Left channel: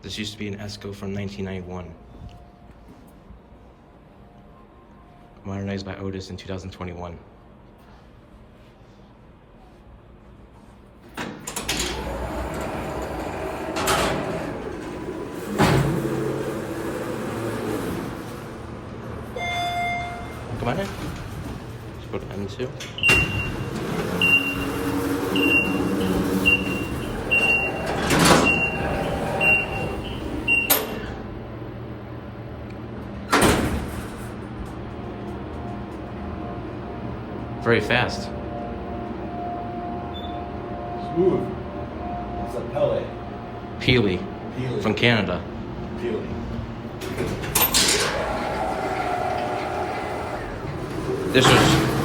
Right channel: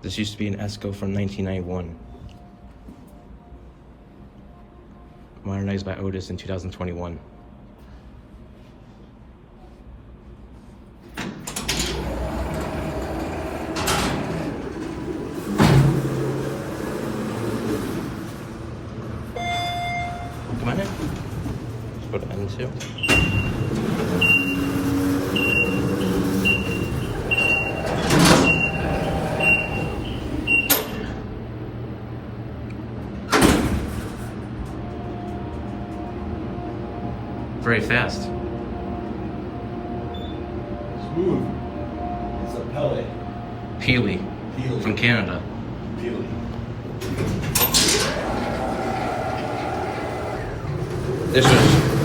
This used to be an Esco from 1991. Modernized by Otis in 2021. Come on in. Let's go to M2. Very fast. Smooth. It's a pellet. Peely. From Canada. Peely.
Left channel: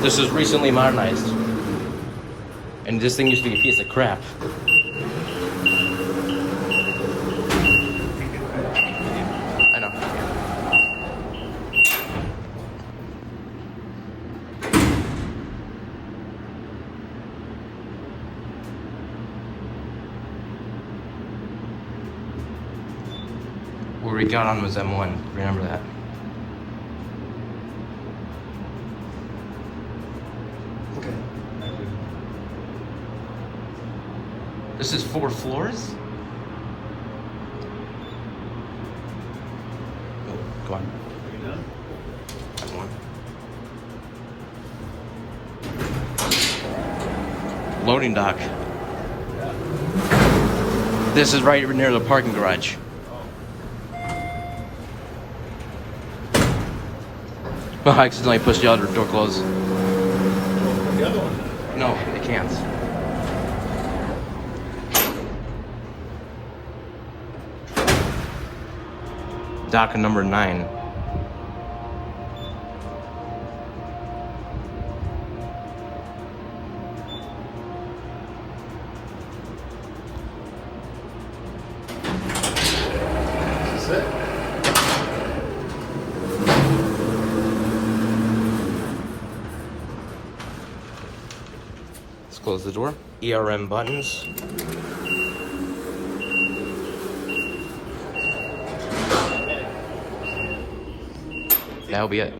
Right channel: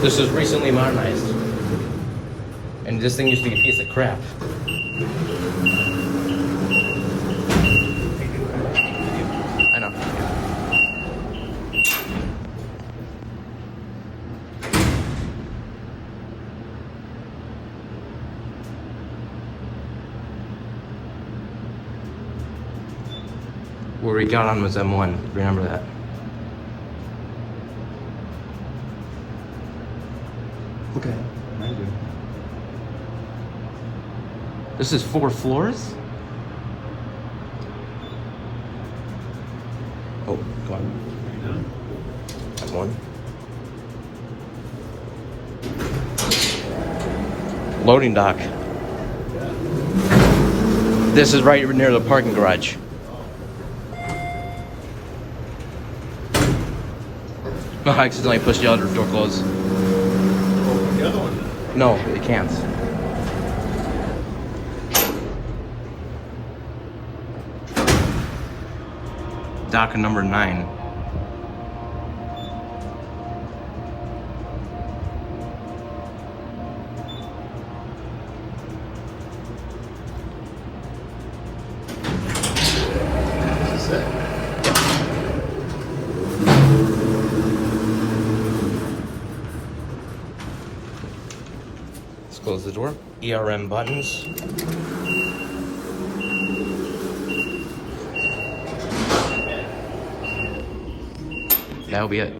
This was recently modernized. And this thing used to be a piece of crap. I know. Yeah. Where we got on was M1. Remember that. Okay. This is 4 floors? Oh, go on. Have one. Loading dock. This is right near the parking garage. Oh, I accidentally pushed the other door closed. No, it can't. Dock number 9. Is this it? Let's close the door. ERM buttons. That'll be it.